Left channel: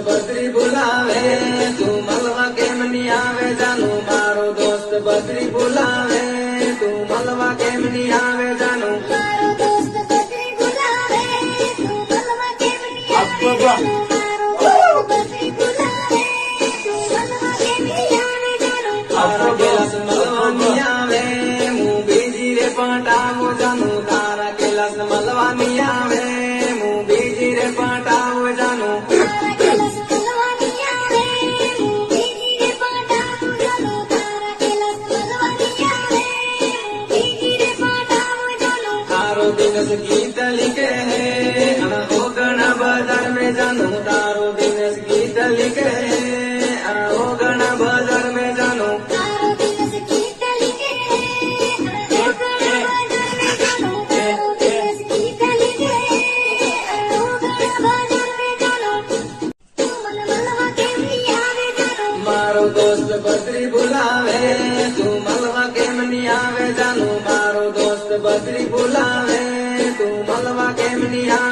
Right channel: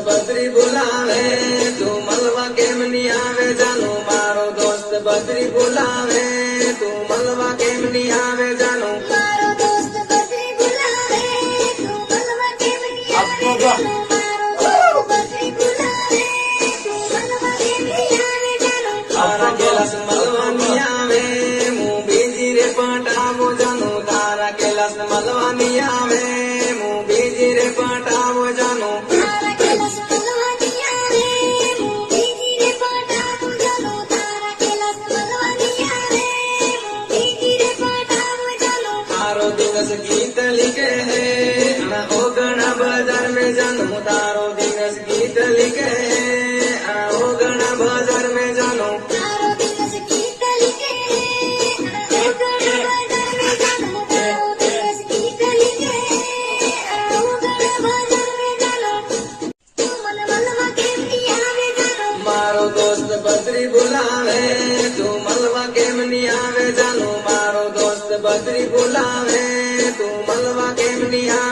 बद्री बुलावे तू मलवा केम नी आवे जानू मारो दोस्त बद्री बुलावे तू मलवा केम नी आवे जानू मारो दोस्त बद्री बुलावे तू मलवा केम नी आवे जानू मारो दोस्त बद्री बुलावे तू मलवा केम नी आवे जानू तारा कैलास मलवा नी आवे मुं बीजी रे पटावो जानू तारा कैलास मलवा नी आवे मुं बीजी रे पटावो जानू तारा कैलास मलवा नी आवे मुं बीजी रे पटावो जानू तारा कैलास मलवा नी आवे मुं बीजी रे पटावो जानू तारो दिवस गीत लिखे है अना ओगना बाजार में जानू तारो दिवस गीत लिखे है अना ओगना बाजार में जानू तारो दिवस गीत लिखे अरोगण बाजार में जानू तारो दिवस गीत लिखे अरोगण बाजार में जानू तू मलवा केम नी आवे जानू मारो दोस्त बद्री बुलावे तू मलवा केम नी आवे जानू मारो दोस्त बद्री बुलावे तू मलवा केम नी